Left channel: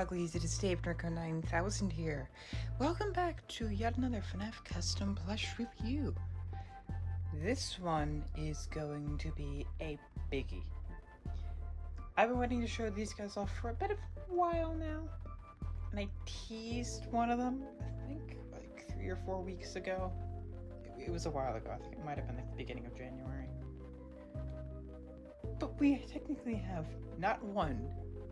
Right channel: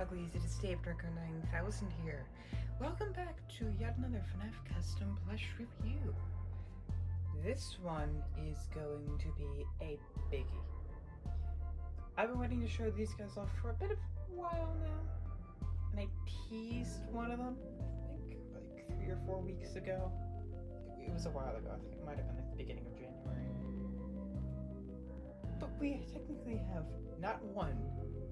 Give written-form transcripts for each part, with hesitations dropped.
uglies, it is Dave Narco 9000 here. Welcome back to yet another Fnaf custom plush review. This one is going to be a biggie. I've been waiting to show these guys off for a bit of a while now, and I teased one of them, I think, like 3 or 4 weeks ago. It was a while ago, I think it might have been like the beginning of January. But we technically have not one,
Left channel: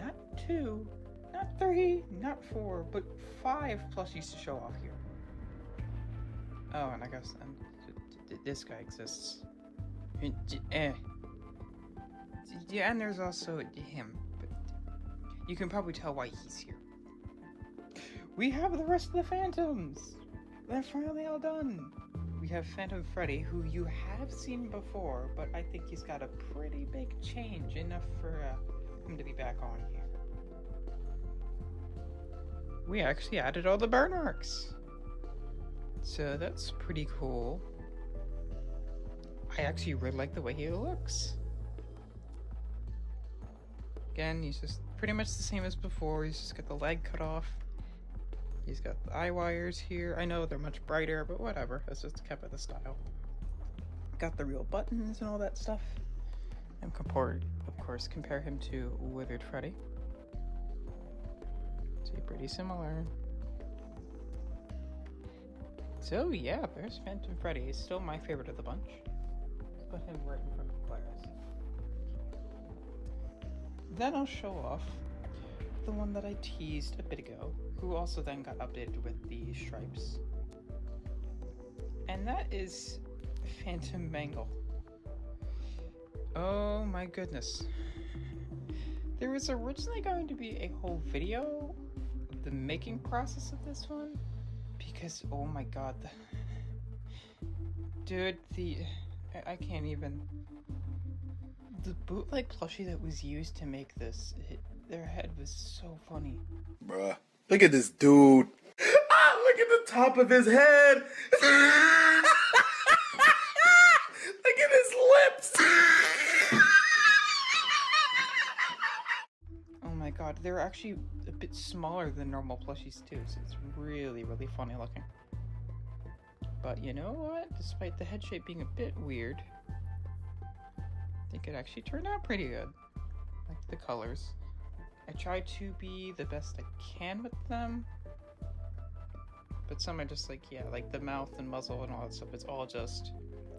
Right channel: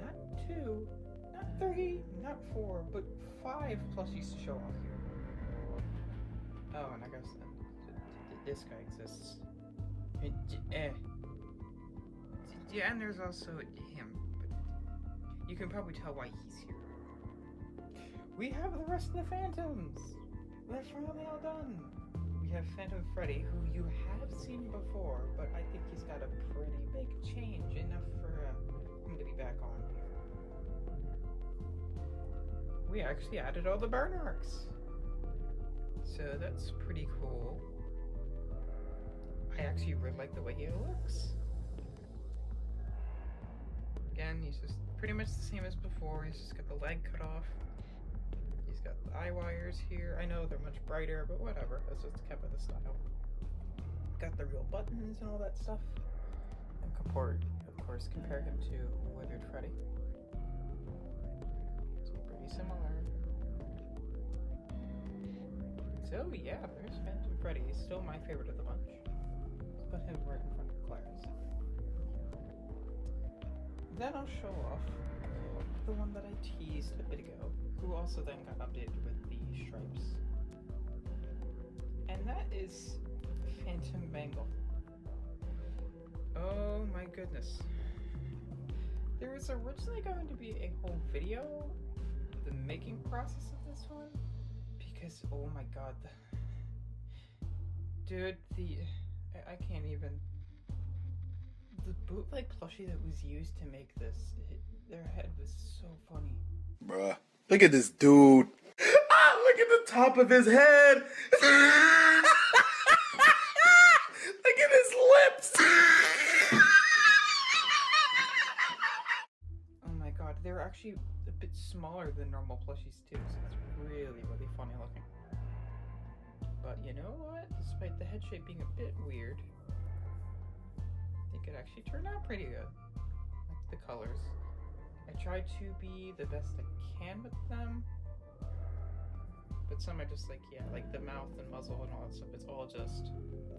not two, not three, not four, but 5 plushies to show off here. Oh, and I guess this guy exists. Yeah, and there's also him, but you can probably tell why he's here. We have the rest of the Phantoms! They're finally all done! We have Phantom Freddy, who you have seen before, but I think he's got a pretty big change, enough for him to be back on here. We actually added all the burn marks! So that's pretty cool. I actually really like the way he looks. Again, he's just pretty much the same as before. He's just got the leg cut off. He's got the eye wires here. I know they're much brighter, but whatever. It's just kept with the style. Got the real buttons and all that stuff. And of course, compare him to Withered Freddy. So pretty similar. So yeah, there's Phantom Freddy. He's still my favorite of the bunch. Let's put him right in front of Clara's. Then I'll show off the one that I teased a bit ago, who also then got updated with the stripes. And that is Phantom Mangle. Oh my goodness. There was originally going to be a whole video, the making process of this one, because oh my god, dude, I can't even. The bootleg plushie that was used to make this, their head was so funny. Bruh, look at this dude. Ah, look at the top of his head. Look at his lips. Oh my god, they're actually a bit smaller than normal plushies too, so it's really, really funny looking. But you know what? Despite the head shape being a bit weird, I think it actually turned out pretty good. Like the colors. I tried to be the best I can with them, but some are just like, yeah, like the mouth and muzzle and all that stuff, it's all just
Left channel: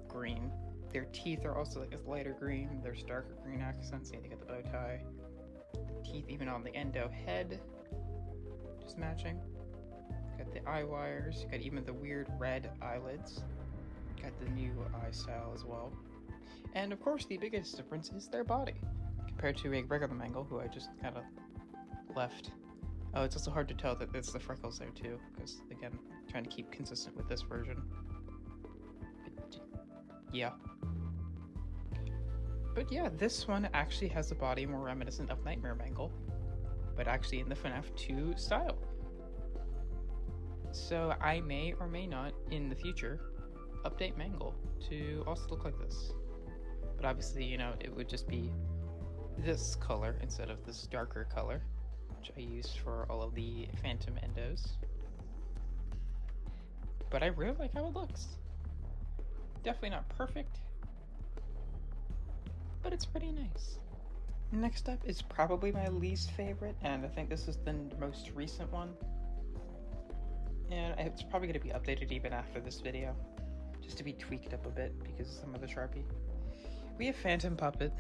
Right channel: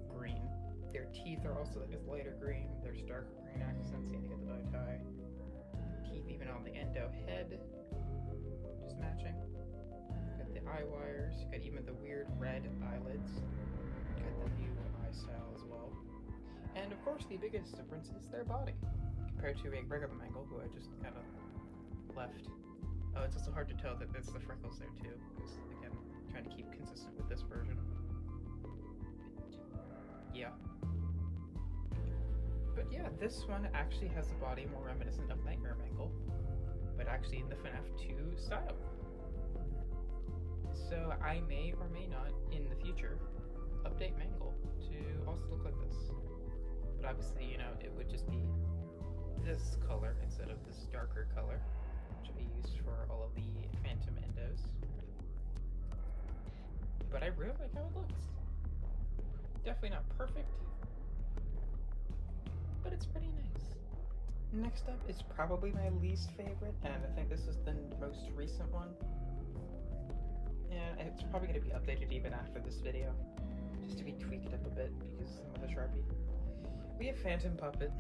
green. Their teeth are also like this lighter green, there's darker green accents, and you get the bow tie. The teeth even on the endo head, just matching. Got the eye wires, got even the weird red eyelids. Got the new eye style as well. And of course, the biggest difference is their body, compared to a regular Mangle, who I just kind of left. Oh, it's also hard to tell that it's the freckles there too, because again, trying to keep consistent with this version. But, yeah. But yeah, this one actually has a body more reminiscent of Nightmare Mangle, but actually in the Fnaf 2 style. So I may or may not, in the future, update Mangle to also look like this. But obviously, you know, it would just be this color instead of this darker color, which I used for all of the Phantom endos. But I really like how it looks. Definitely not perfect, but it's pretty nice. Next up is probably my least favorite, and I think this is the most recent one. And it's probably going to be updated even after this video, just to be tweaked up a bit because of some of the Sharpie. We have Phantom Puppet.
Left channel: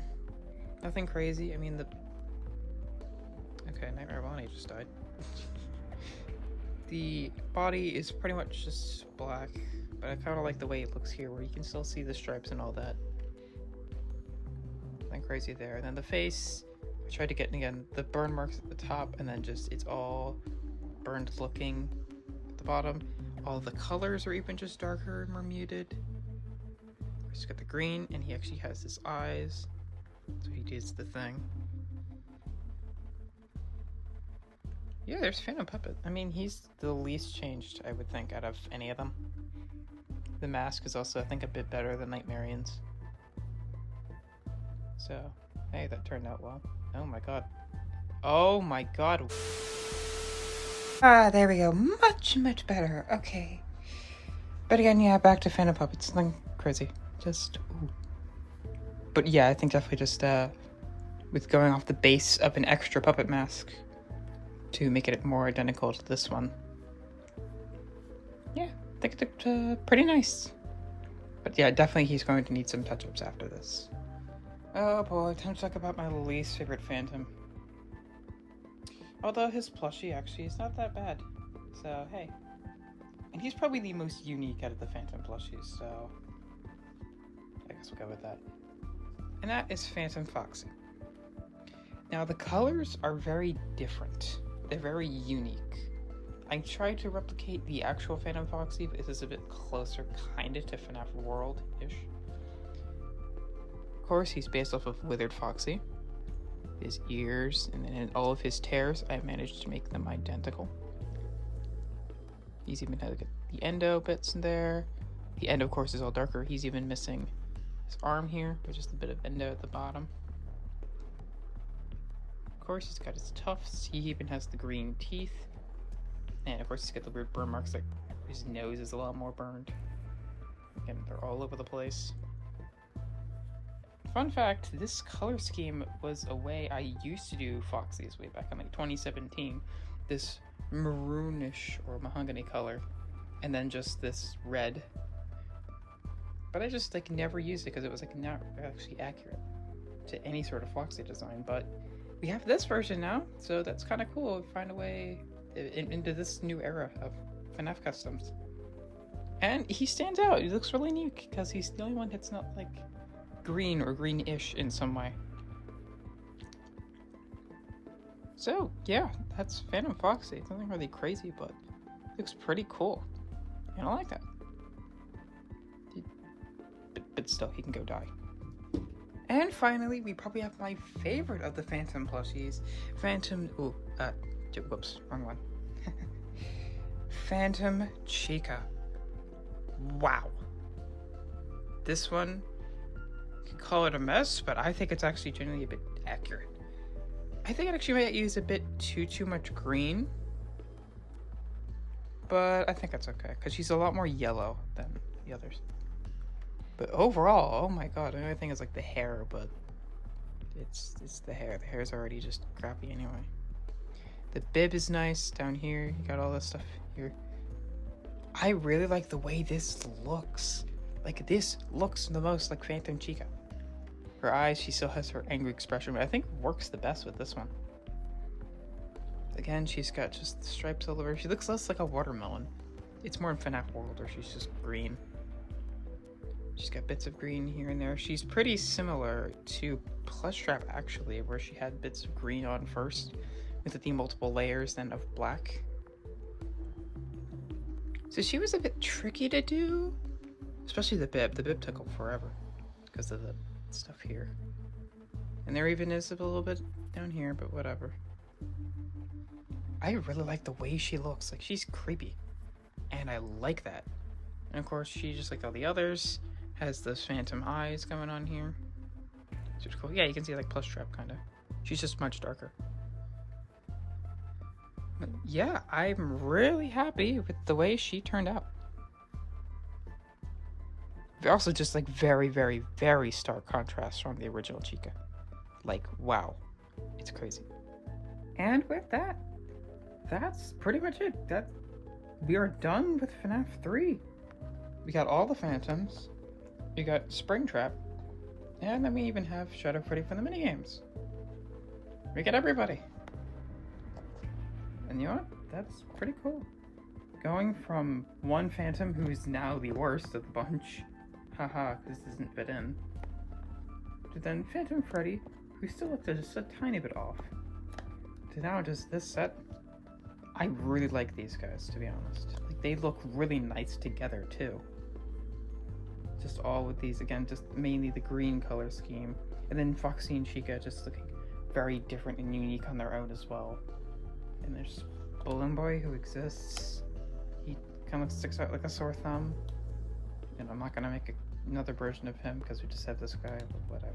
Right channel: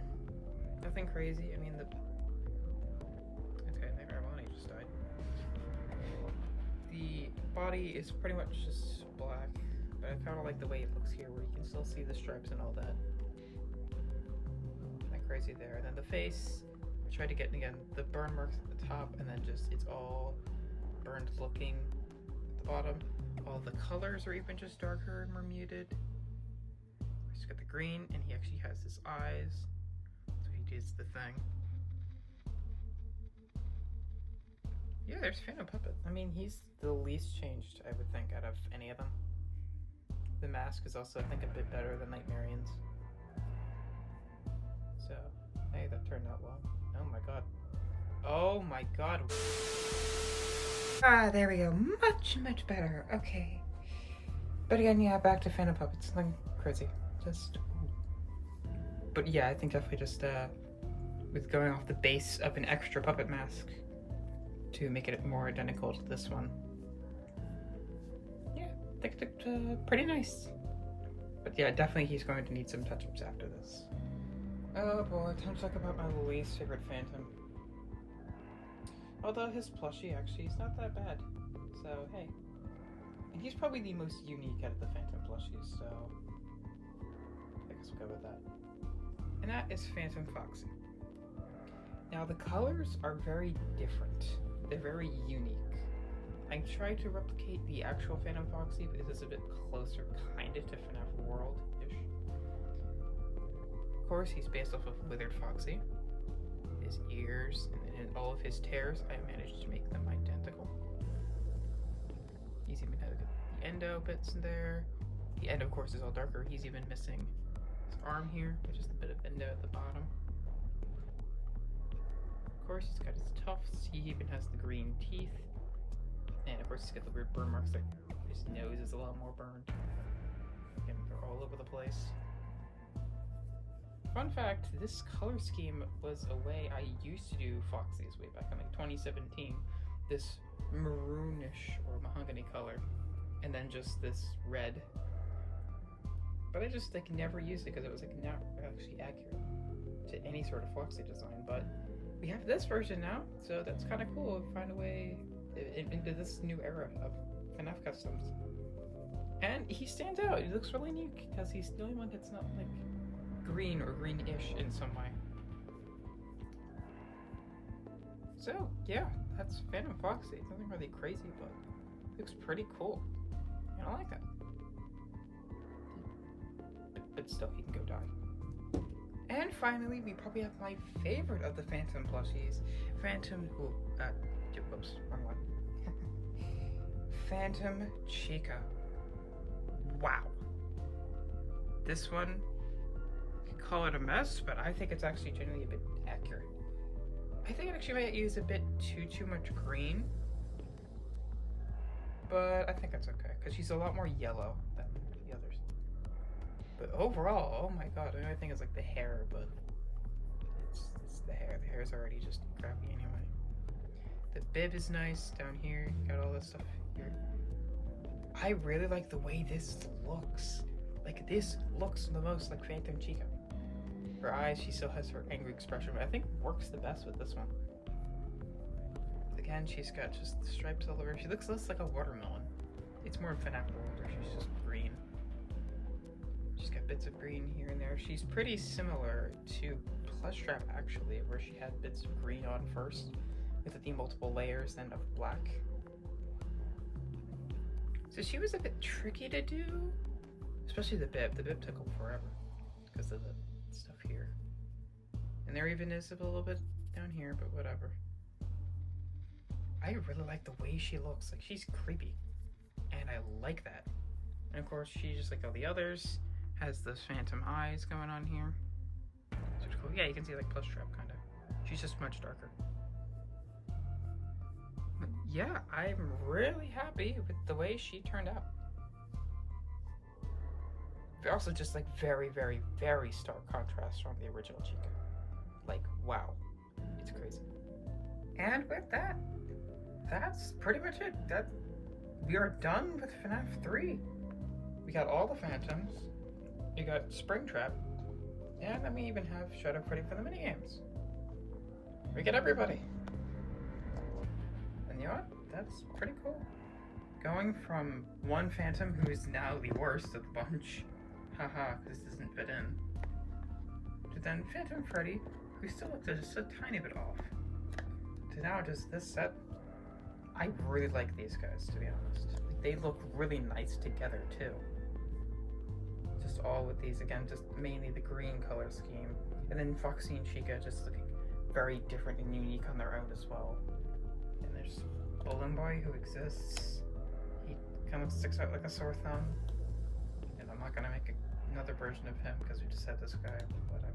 Nothing crazy. I mean, okay, Nightmare Bonnie just died. The body is pretty much just black, but I kind of like the way it looks here, where you can still see the stripes and all that. Nothing crazy there. And then the face, I tried to get, again, the burn marks at the top, and then just, it's all burned looking at the bottom. All the colors are even just darker and more muted. He's got the green, and he actually has his eyes, so he does the thing. Yeah, there's Phantom Puppet. I mean, he's the least changed, I would think, out of any of them. The mask is also, I think, a bit better than Nightmarian's. So, hey, that turned out well. Oh my god. Oh my god. Ah, there we go. Much, much better. Okay. But again, yeah, back to Phantom Puppets. Nothing crazy. Just... Ooh. But yeah, I think definitely just, with going off the base of an extra puppet mask to make it more identical to this one. Yeah, I think it looked pretty nice. But yeah, definitely he's going to need some touch-ups after this. Oh boy, time to talk about my least favorite Phantom. Although his plushie actually is not that bad. So, hey. And he's probably the most unique out of the Phantom plushies, so I guess we'll go with that. And that is Phantom Foxy. Now, the colors are very different. They're very unique. I tried to replicate the actual Phantom Foxy, but this is a bit closer, kind of, to Fnaf World-ish. Of course, he's based off of Withered Foxy. His ears and then all of his tears, I managed to make them identical. He's even had the endo bits in there. The endo, of course, is all darker. He's even missing his arm here, with just a bit of endo at the bottom. Of course, he's got his tufts. He even has the green teeth. And of course, he's got the weird burn marks. Like his nose is a lot more burned. And they're all over the place. Fun fact, this color scheme was a way I used to do Foxy's way back in like 2017. This maroonish or mahogany color, and then just this red. But I just like never used it because it was like not actually accurate to any sort of Foxy design. But we have this version now, so that's kind of cool. Find a way into this new era of Fnaf customs. And he stands out. He looks really unique because he's the only one that's not like green or greenish in some way. So yeah, that's Phantom Foxy. It's nothing really crazy, but it looks pretty cool. And I like that. But still, he can go die. And finally, we probably have my favorite of the Phantom plushies, whoops, wrong one. Phantom Chica. Wow. This one, call it a mess, but I think it's actually generally a bit accurate. I think it actually might use a bit too much green, but I think that's okay because she's a lot more yellow than the others. But overall, oh my god, the only thing is like the hair, but it's the hair. The hair's already just crappy anyway. The bib is nice down here. You got all this stuff here. I really like the way this looks. Like this looks the most like Phantom Chica. Her eyes, she still has her angry expression, but I think works the best with this one. Again, she's got just the stripes all over. She looks less like a watermelon. It's more in Fnaf World, where she's just green. She's got bits of green here and there. She's pretty similar to Plush Trap, actually, where she had bits of green on first, with the multiple layers then of black. So she was a bit tricky to do, especially the bib. The bib took forever because of the stuff here. And there even is a little bit down here, but whatever. I really like the way she looks. Like, she's creepy. And I like that. And of course, she, just like all the others, has those phantom eyes going on here. It's cool. Yeah, you can see like Plush Trap, kind of. She's just much darker. But yeah, I'm really happy with the way she turned out. They're also just like very, very, very stark contrast from the original Chica. Like, wow. It's crazy. And with that, that's pretty much it. We are done with Fnaf 3. We got all the Phantoms. We got Springtrap. And then we even have Shadow Freddy for the minigames. We get everybody. And you know what? That's pretty cool. Going from one Phantom who's now the worst of the bunch, haha, this doesn't fit in, to then Phantom Freddy, who still looked just a tiny bit off, to now just this set. I really like these guys, to be honest. Like, they look really nice together too. Just all with these, again, just mainly the green color scheme, and then Foxy and Chica just looking very different and unique on their own as well. And there's Balloon Boy, who exists. He kind of sticks out like a sore thumb. And I'm not gonna make another version of him because we just have this guy. Whatever.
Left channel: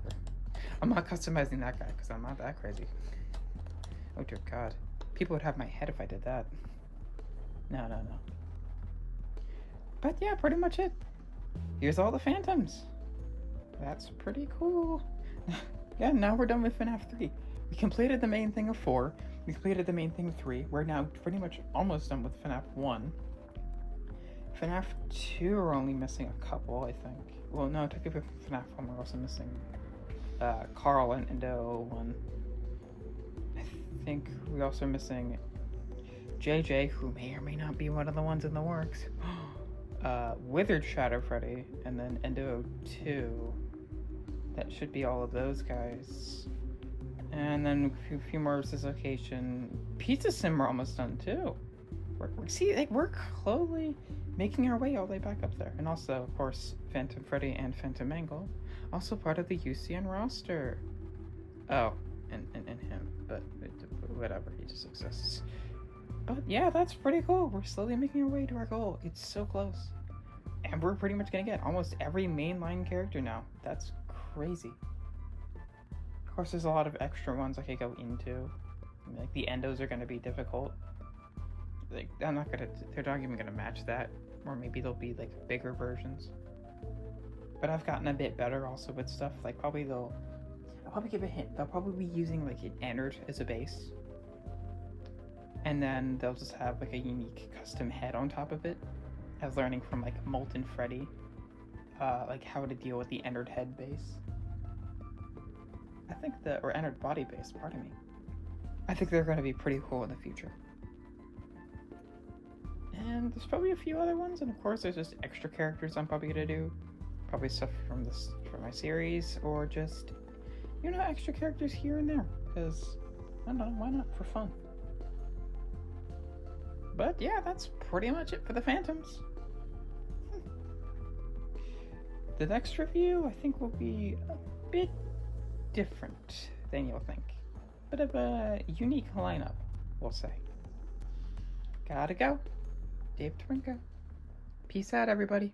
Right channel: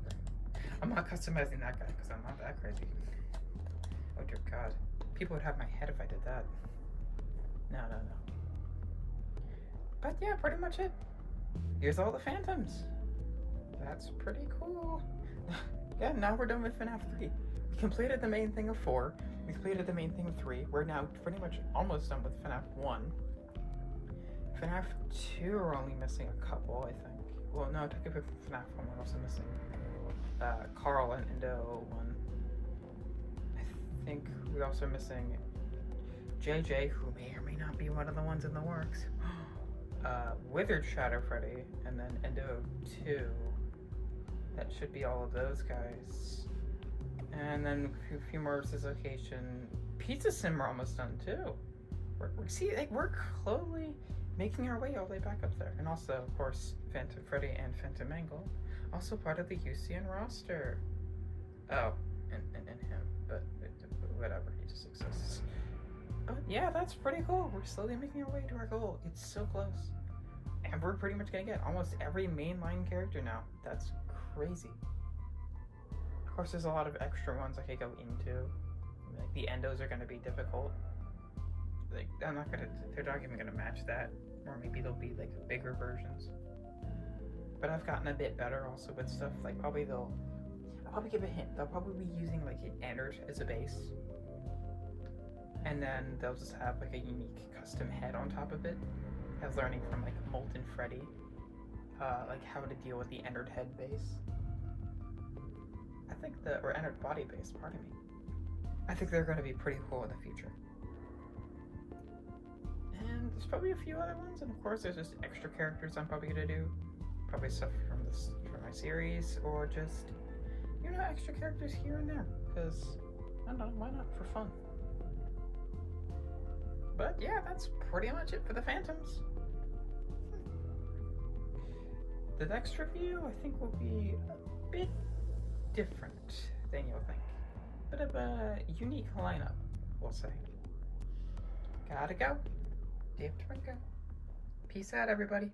I'm not customizing that guy because I'm not that crazy. Oh dear God. People would have my head if I did that. No. But yeah, pretty much it. Here's all the Phantoms. That's pretty cool. Yeah, now we're done with FNAF 3. We completed the main thing of 4. We completed the main thing of 3. We're now pretty much almost done with FNAF 1. FNAF 2 we're only missing a couple, I think. Well, no, technically for FNAF 1 we're also missing Carl and Endo 1. I think we're also missing JJ, who may or may not be one of the ones in the works. Withered Shadow Freddy, and then Endo 2. That should be all of those guys. And then a few more Location. Pizza Sim we're almost done too. We're slowly making our way all the way back up there. And also, of course, Phantom Freddy and Phantom Mangle, also part of the UCN roster. Oh, and him, but whatever, he just exists. But yeah, that's pretty cool. We're slowly making our way to our goal. It's so close. And we're pretty much gonna get almost every mainline character now. That's crazy. Of course, there's a lot of extra ones I could go into. I mean, like the Endos are gonna be difficult. Like they're not even gonna match that. Or maybe they'll be like bigger versions. But I've gotten a bit better also with stuff. Like I'll probably give a hint. They'll probably be using like an Ennard as a base. And then they'll just have like a unique custom head on top of it. As learning from like Molten Freddy, like how to deal with the Ennard head base. I think or Ennard body base, pardon me. I think they're going to be pretty cool in the future. And there's probably a few other ones, and of course there's just extra characters I'm probably going to do. Probably stuff from my series, or just, extra characters here and there. Because, I don't know, why not for fun? But yeah, that's pretty much it for the Phantoms. The next review, I think, will be a bit different than you'll think. Bit of a unique lineup, we'll say. Gotta go. Dave Twinkle. Peace out, everybody.